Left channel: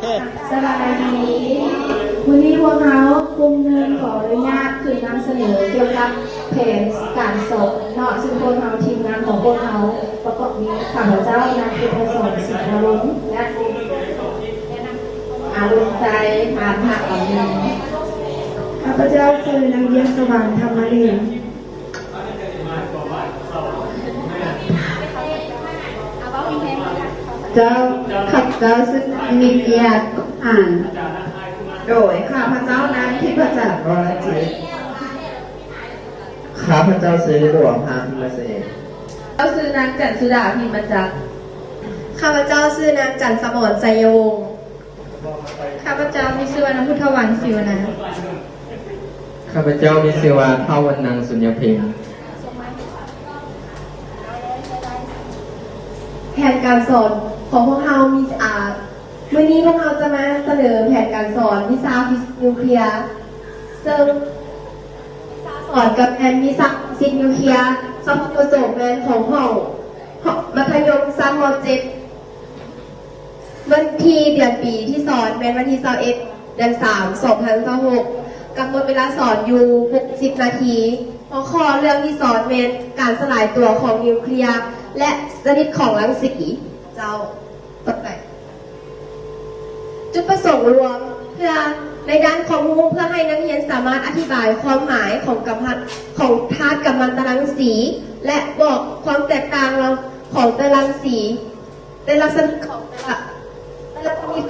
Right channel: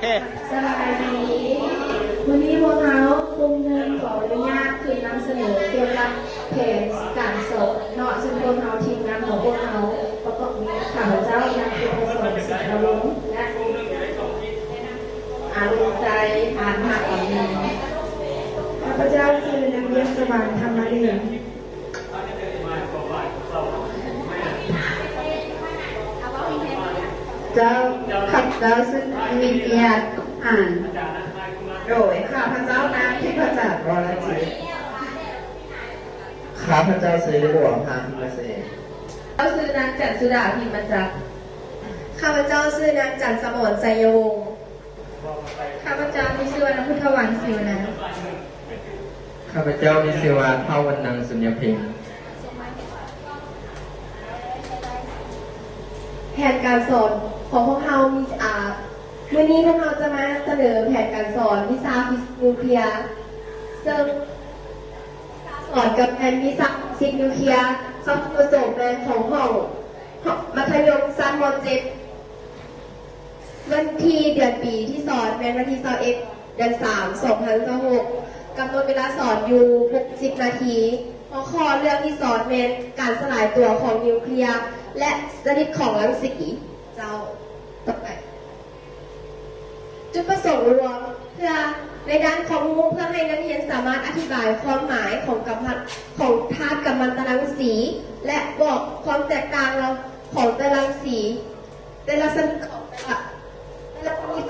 สบายดีวันนี้พวกเขากลุ่มหนึ่งขออนุญาตคือนำเสนอเกี่ยวกับแผนการสอบเนาะซึ่งพวกเขาทีมงานของพวกเขาประกอบนี้ข้าพเจ้านายเป็นสอนสิทธิ์อารมณ์และอารมณ์ใจผ่านหักอ่อนน้อมข้าพเจ้าคือนางเยี่ยมสว่างธรรมเรียนเจ้าขับเจ้าซึ่งมีเกียรติอ่านโดยข้าพเจ้านางทิพจักรวรจิตข้าพเจ้าซื้อหลวงพาพิมเสกเจ้าซื้อนางจันสุดาพิมพ์จักร ข้าพเจ้าชื่อนางจันทร์สมรไสยวงศ์ข้าพเจ้ามีชื่อว่านางพุทธวันศิวนะข้าพเจ้ามีชื่อว่าเท่าวันนางสุญญเพ็งแผนการสอนของพวกเรามีวันนี้พวกเราจะมาเสนอแผนการสอนวิชาฟิสิกส์นิวเคลียร์ซึ่งสอนกับแผนวิชาฟิสิกส์นิวเคลียร์สำหรับประสบการณ์ของห้องมัธยมชั้นม .7 วันที่เดือนปีที่สอนเป็นวันที่21เดือน3 2026กำหนดเวลาสอนอยู่60 นาทีหัวข้อเรื่องที่สอนเป็นการสลายตัวของนิวเคลียร์และชนิดของรังสีเจ้าต่อไปจุดประสงค์รวมเพื่อในด้านของมุ้งเพื่อให้นักเรียนสามารถอธิบายความหมายของธาตุกัมมันตรังสีและบอกความแตกต่างของแต่ละรังสีแต่ละชนิด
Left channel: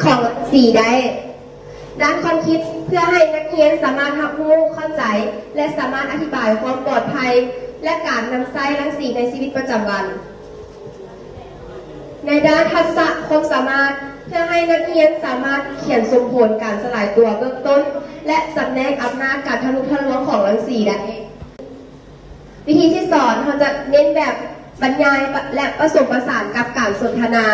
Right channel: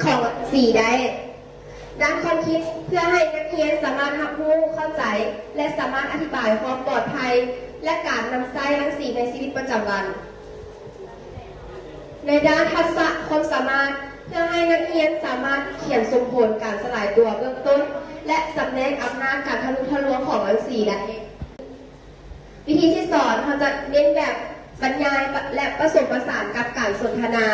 ของรังสีได้ด้านความคิดเพื่อให้นักเรียนสามารถรับรู้เข้าใจและสามารถอธิบายความปลอดภัยและการนำใช้รังสีในชีวิตประจำวันในด้านทักษะความสามารถเพื่อให้นักเรียนสามารถเขียนสมผลการสลายตัวเบื้องต้นและสำแนกอำนาจการทะลุทะลวงของรังสีได้วิธีที่สอนเราจะเน้นแบบบรรยายและผสมผสานกับการสนทนา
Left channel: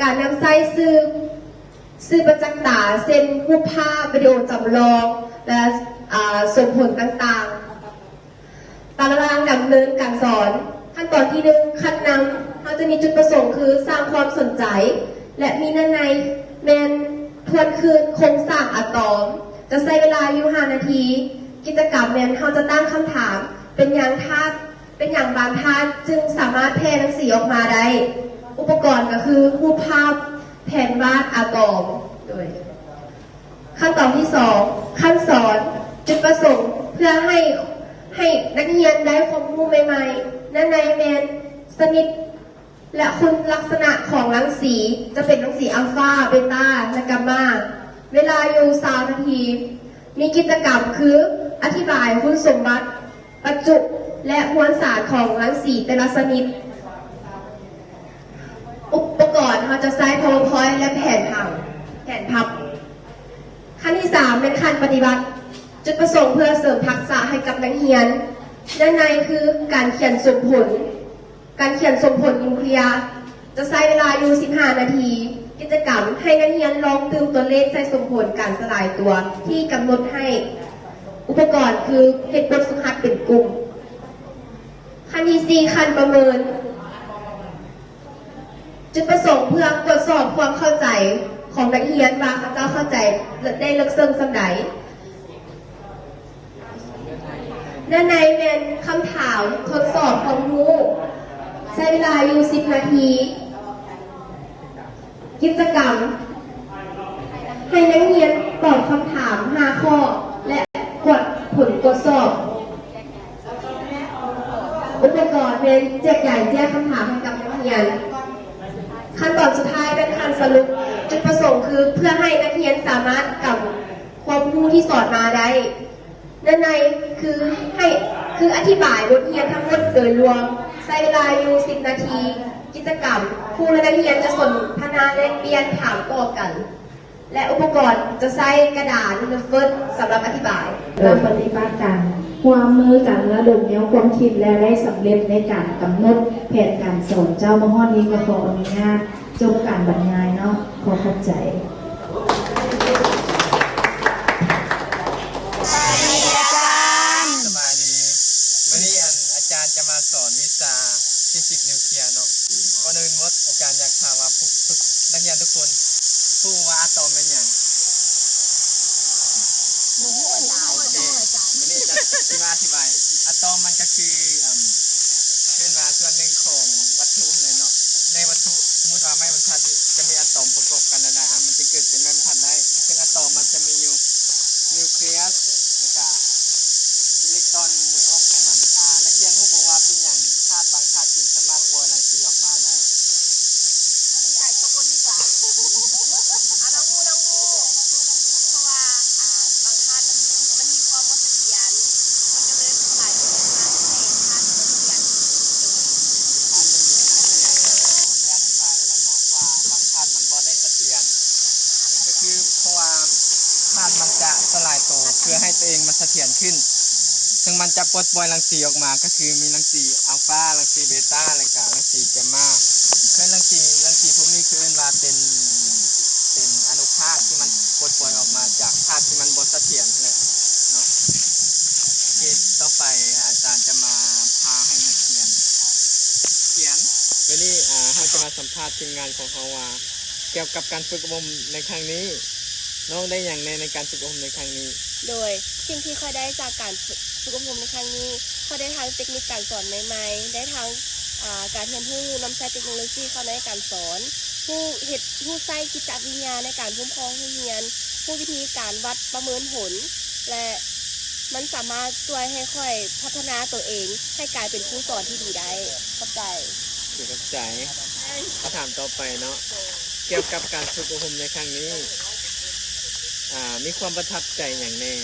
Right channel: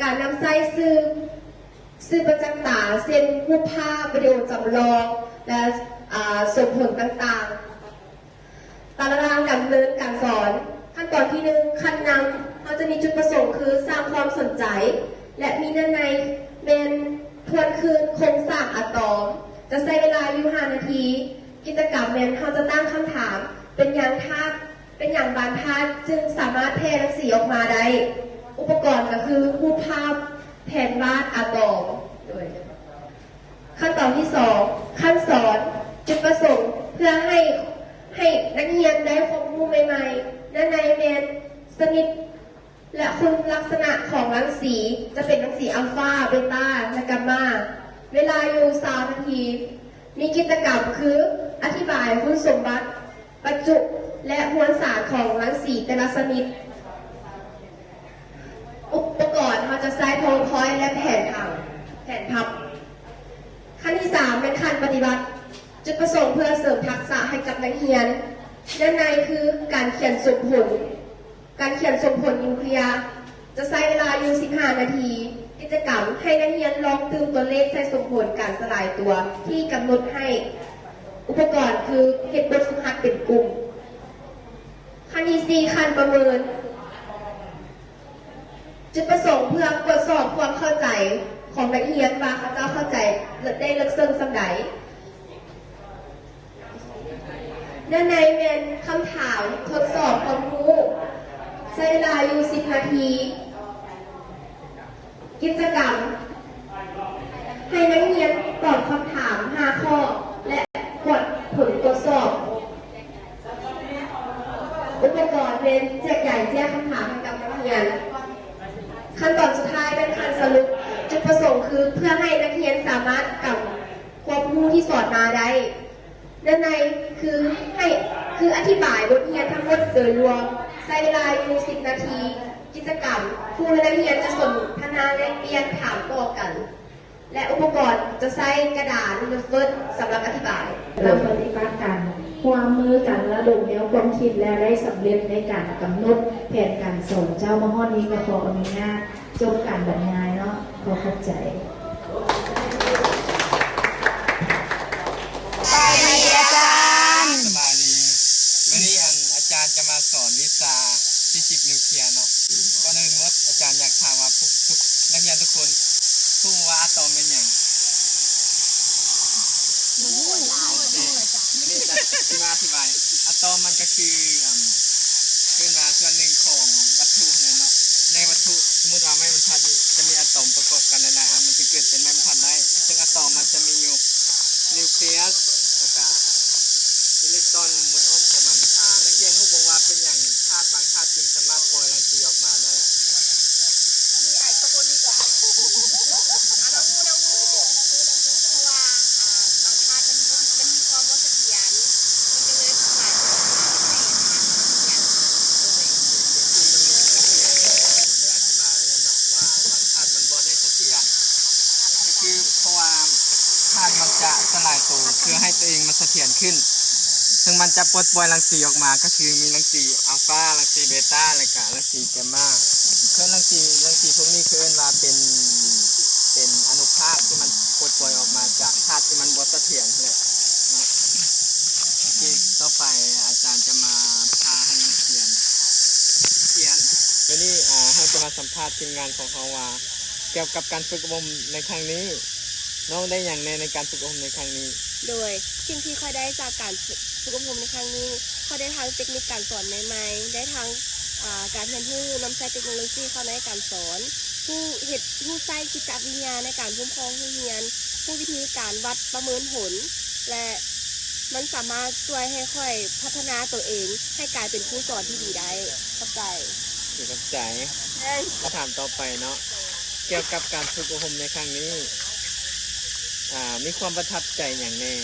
การนำใช้สื่อประจักษ์ตาเช่นรูปภาพวิดีโอจำลองและสมผลต่างๆตารางดำเนินการสอนขั้นตอนที่1ขั้นนำเราจะมีจุดประสงค์คือสร้างความสนใจและมีในเมนทวนคืนโครงสร้างอะตอมจะใช้เวลาอยู่5 นาทีกิจกรรมเมนเราจะตั้งคำถามเป็นอย่างบานธาตุจึงสามารถแพร่รังสีออกมาได้อุปกรณ์ก็คือรูปภาพแผนวาดอะตอมโดยขั้นตอนที่2ขั้นสอนจุดประสงค์เพื่อให้นักเรียนได้ความรู้ใหม่ๆในเมนชนิดและคุณลักษณะของรังสีจะเป็นรังสีอัลฟาเบต้าและกัมมาเวลาอยู่3 นาทีมีกิจกรรมคืออธิบายคุณสมบัติประจุและมวลสารของรังสีแต่ละชนิดอุปกรณ์เราจะใช้ PowerPoint และแผนพับขั้นที่3เป็นขั้นปฏิบัติจุดประสงค์เพื่อเสริมทักษะให้กับนักเรียนด้านในคือการเขียนสมผลนิวเคลียร์จะใช้เวลาอยู่15 นาทีกิจกรรมให้นักเรียนลองตื่นตัวเลขใส่สมผลการสลายตัวที่กำหนดให้อุปกรณ์คือเฮ็ดบทฝึกหัดเป็นกลุ่มขั้นที่4ขั้นประเมินจุดประสงค์เพื่อตรวจสอบความเข้าใจของนักเรียนว่าเขาเข้าใจได้ลึกซึ้งส่ำใดด้านในเป็นคำถามทดสอบความรู้ใช้เวลาอยู่10 นาทีกิจกรรมให้นักเรียนตอบคำถาม5 ข้อและกดผลตรวจสอบอุปกรณ์เป็นแจกจ่ายแจกคำถามให้กับนักเรียนขั้นตอนสุดท้ายเป็นขั้นสรุปจุดประสงค์คือเพื่อให้นักเรียนสามารถกำความรู้ที่สอนมาได้ด้านในคืออธิบายบทเรียนทั้งหมดโดยรวมใช้เวลาอยู่10 นาทีกิจกรรมครูและนักเรียนจะสนทนาแลกเปลี่ยนถามตอบกันและอุปกรณ์จะใช้กระดาษหรือเฟิร์สสำหรับอธิบายเราปฏิบัติการความมือกันระดมแนวความคิดและได้สำเร็จในการกำหนดแผนการสอนเจ้ามหอนี้ก็ขออนุญาตจบการบรรยายเนาะขอขอบใจสบายดีวันนี้อาจารย์จะมาสอนวิชาฟิสิกส์นิวเคลียร์เนาะก่อนอื่นอาจารย์อยากถามว่าทุกนักเรียนทุกคน ผู้ว่าอะตอมเป็นอย่างโอเควันนี้จะอธิบายอะตอมมันก็คือขึ้นมาส่วนหนึ่งของวัตถุเลยเนาะในวัตถุสมมติว่าไม้บรรทัดนี่จะมีอะตอมประกอบกันหลายๆอันมันจะเกิดเป็นไม้บรรทัดได้ซึ่งอะตอมมันจะมีอยู่นิวเคลียสแล้วก็อิเล็กตรอนมวลอ้อมของมันนักเรียนรู้บอกว่าเป็นอย่างธาตุบางธาตุจึงสามารถปล่อยรังสีออกมาได้ ได้อธิบายไว้แล้วเนาะว่าบางธาตุมันบ่ได้เสถียรก็คือเพราะว่าธาตุมันจะสลายตัวเพื่อให้ตัวเองมันเสถียรขึ้นซึ่งมันจะปลดปล่อยรังสีออกมาก็คือมีรังสีอัลฟารังสีเบต้าและก็รังสีแกมมาคือรังสีพวกนี้คือเรียกว่าเป็นอนุภาคที่มันปลดปล่อยออกมาจากธาตุที่มันบ่เสถียรเลยเนาะคือต่อไปอาจารย์จะมาพาให้นักเรียนเขียน วันนี้เราจะมาสัมภาษณ์ทีมงานของเราว่าเกี่ยวกับการฝึกอบรมในครั้งนี้น้องได้อย่างในการฝึกอบรมในครั้งนี้ โดยสิ่งที่ค่อยได้จากการฝึกอบรมในครั้งนี้ค่อยได้ทั้งเทคนิคการสอนใหม่ๆได้ทั้งการเรียนรู้นำใช้เทคโนโลยีเข้าในการสอนผู้ใช้จิตวิญญาณในการคุ้มครองผู้เรียนผู้วิธีการวัดประเมินผลและมันสามารถช่วยให้ค่อยพัฒนาตัวเองให้กลายเป็นผู้สอนที่ดีได้เข้าใจ คือกับใจคำถามต่อไปเนาะเกี่ยวกับการฝึกอบรมในครั้งนี้มีความประทับใจอย่างแน่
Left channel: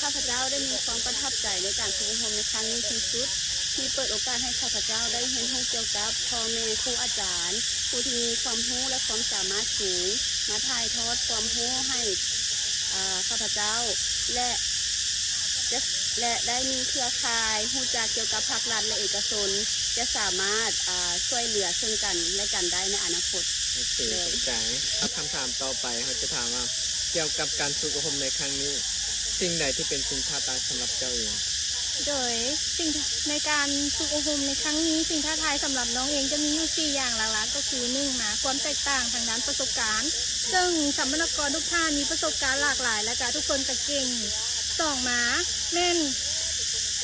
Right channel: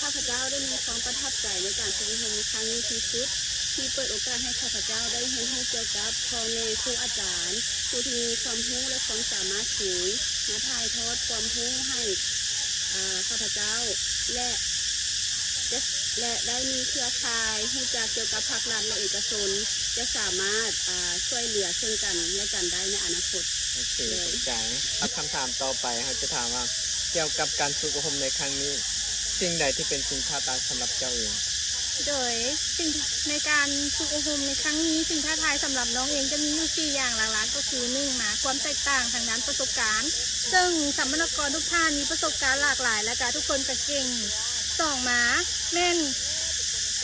ข้าพเจ้าได้มีความประทับใจในการฝึกอบรมในครั้งนี้ที่สุดที่เปิดโอกาสให้ข้าพเจ้าได้เรียนรู้เกี่ยวกับพ่อแม่ครูอาจารย์ผู้ที่มีความรู้และความสามารถสูงมาถ่ายทอดความรู้ให้ข้าพเจ้าและได้มีเครือข่ายรู้จักเกี่ยวกับภาครัฐและเอกชนจะสามารถช่วยเหลือซึ่งกันและกันได้ในอนาคต โอเคเข้าใจครับคำถามต่อไปเราจะถามว่าเกี่ยวกับการฝึกอบรมในครั้งนี้สิ่งใดที่เป็นสิ่งท้าทายสำหรับเจ้าเอง โดยสิ่งในการฝึกอบรมในครั้งนี้สิ่งท้าทายสำหรับน้องเองจะมีอยู่4อย่างหลักๆก็คือ1มาความแตกต่างทางด้านประสบการณ์ซึ่งสัมมนกรทุกท่านมีประสบการณ์หลากหลายและทุกคนก็เก่ง2มาแม่น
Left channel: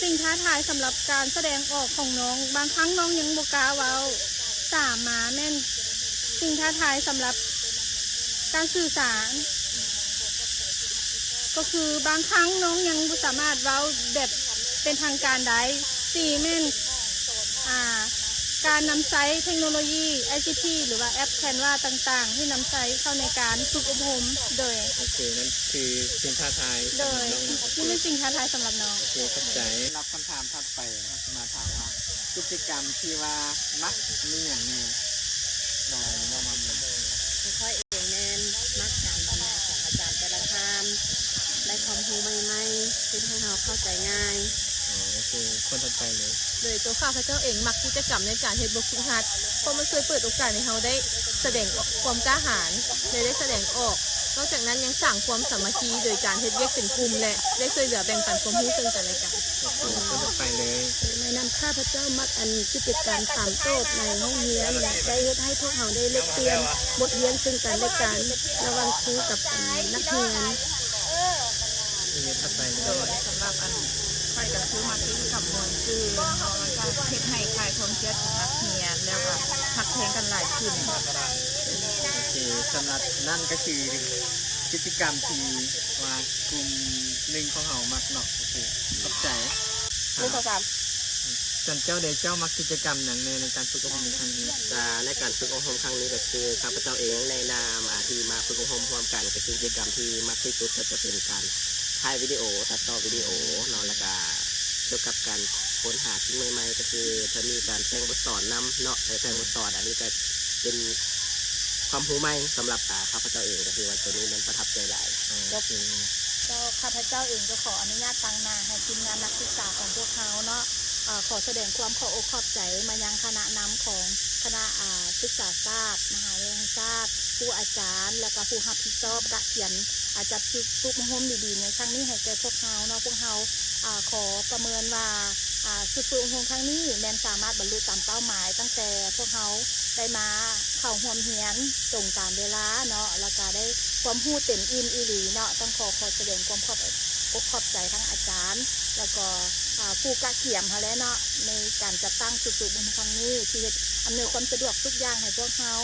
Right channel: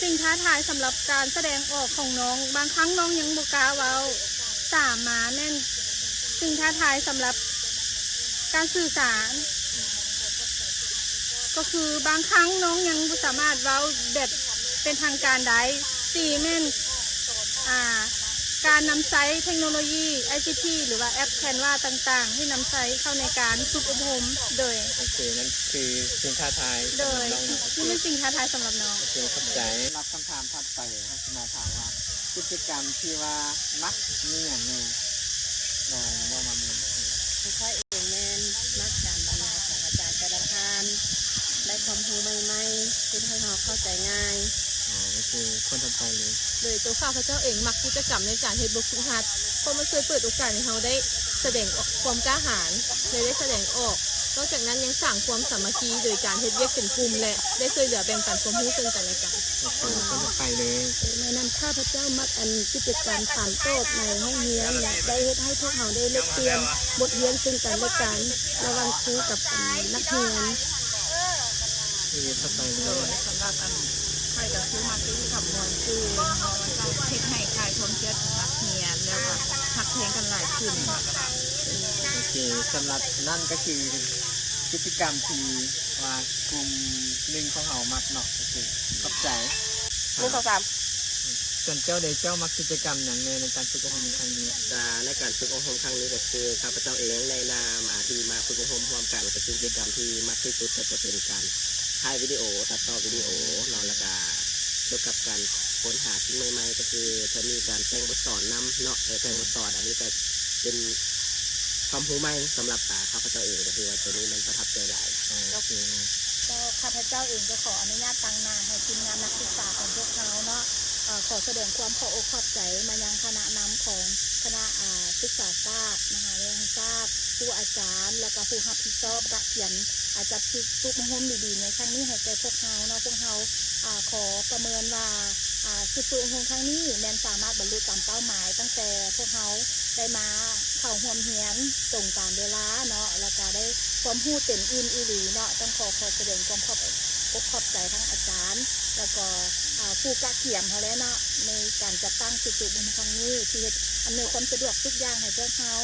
สิ่งท้าทายสำหรับการแสดงออกของน้องบางครั้งน้องยังบ่กล้าเว้า3มาแม่นสิ่งท้าทายสำหรับการสื่อสารก็คือบางครั้งน้องยังบ่สามารถเว้าแบบเป็นทางการได้4แม่นการนำใช้เทคโนโลยี ICT หรือว่าแอปแคนวาต่างๆที่นำใช้เข้าในการฝึกอบรมโดยโอเคนั่นคือสิ่งท้าทายสำหรับน้องโอเค นี่เป็นสิ่งท้าทายสำหรับน้อง โอเคเข้าใจรับคำถามถัดไปเราจะมาถามว่ากิจกรรมที่ว่ามักมีอย่างแน่ลองมามี ค่อยเองแม่นมักการบรรยายของอาจารย์แต่ละท่านได้ความรู้ใหม่ๆที่ให้เราเข้าใจง่าย โอเคคนถัดไปเลย โดยตัวข้าพเจ้าเองมักกิจกรรมในการเฮ็ดบทฝึกหัดเพราะมันช่วยเปิดโอกาสให้เราได้แสดงความกล้าหาญและได้แสดงออกนอกจากนั้นยังสร้างความสามัคคีโดยการเฮ็ดเวียกเป็นกลุ่มและได้ช่วยเหลือแบ่งปันความรู้ซึ่งกันและกัน โอเคคนถัดไปเลย ในนำข้าพเจ้ามักอันกิจกรรมถามโต้ในห้องเรียนและได้เฮ็ดให้พวกเราได้เล็กเปลี่ยนบทเรียนซึ่งกันและกันระหว่างครูกับนักเรียน ชีวิตถัดไปเล โด ย ยสำหรับค่อยก็คือมากิจกรรมมวลซื่นมันก็เฮ็ดให้คลายความเครียดของนักเรียนแล้วก็ทักเพลงกันหลายขึ้น โอเคสำหรับนั่นก็คือกิจกรรมที่ว่ากลุ่มหนึ่งของเรามักเนาะโอเคขอบใจ 1 2 3 ส่วนเจ้าเดชเจ้ามักกิจกรรมอย่างในการฝึกอบรมในครั้งนี้ ในการฝึกอบรมครั้งนี้ก็คือข้าพเจ้าเองในนามที่มาฝึกอบรมร่วมกันก็คือกิจกรรมที่มากที่สุดก็จะเป็นการถ่ายวิดีโอตัดต่อวิดีโอเนาะแล้วก็เกี่ยวกับการค้นหาสิ่งใหม่ๆก็คือจะมีการแต่งบทสอนนำเนาะแต่งบทสอนอันนี้ก็เป็นความรู้ใหม่สำหรับข้าพเจ้าเองก็คือว่าตัวนี้มันประทับใจหลาย โอเค ก็ข้าพเจ้าเองก็ขออนุญาตตั้งหน้าให้ทีมงานนักศึกษาของพวกเขาเนาะขอแสดงความขออกขอบใจมายังคณะนำของคณะศึกษาศาสตร์มหาวิทยาลัยศาสตร์ผู้อาจารย์และก็ผู้รับผิดชอบกะเขียนจัดฝึกอบรมดีๆในครั้งนี้ให้แก่พวกเขาเนาะพวกเขาขอประเมินว่า ฝึกอบรมครั้งนี้แมนสามารถบรรลุตามเป้าหมายตั้งแต่พวกเขาได้มาเข้าร่วมเรียนตรงตามเวลาเนาะแล้วก็ได้ความรู้เต็มอิ่มอีหลีเนาะต้องขอแสดงความขอบใจทั้งอาจารย์ แล้วก็ผู้กะเขียมเขาแล้วเนาะในการจัดตั้งฝึกอบรมครั้งนี้ที่อำนวยความสะดวกทุกอย่างให้พวกเขา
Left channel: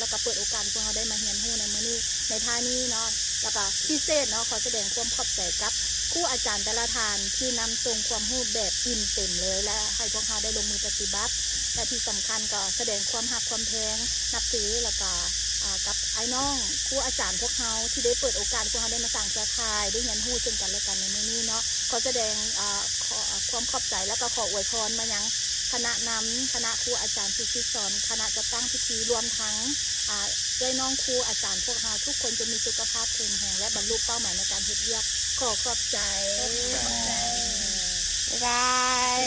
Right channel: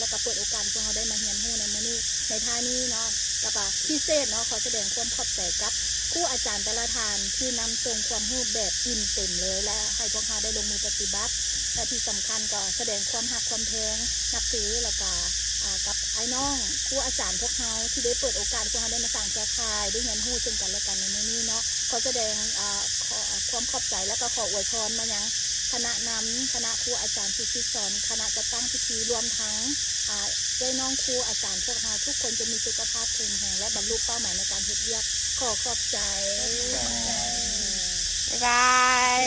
แล้วก็เปิดโอกาสพวกเขาได้มาเรียนรู้ในมื้อนี้ในท่านี้เนาะแล้วก็พิเศษเนาะขอแสดงความขอบใจกับครูอาจารย์แต่ละท่านที่นำส่งความรู้แบบอิ่มเต็มเลยและให้พวกเขาได้ลงมือปฏิบัติและที่สำคัญก็แสดงความหักความแพงนับถือแล้วก็กับไอ้น้องครูอาจารย์พวกเขาที่ได้เปิดโอกาสพวกเขาได้มาสร้างเครือข่ายได้เรียนรู้ซึ่งกันและกันในมื้อนี้เนาะขอแสดงความขอบใจและก็ขออวยพรมายังคณะนำคณะครูอาจารย์ผู้ฝึกสอนคณะจัดตั้งพิธีรวมทั้งด้วยน้องครูอาจารย์พวกเราทุกคนจะมีสุขภาพแข็งแรงและบรรลุเป้าหมายในการเฮ็ดเวียกขอขอบใจ บ๊ายบาย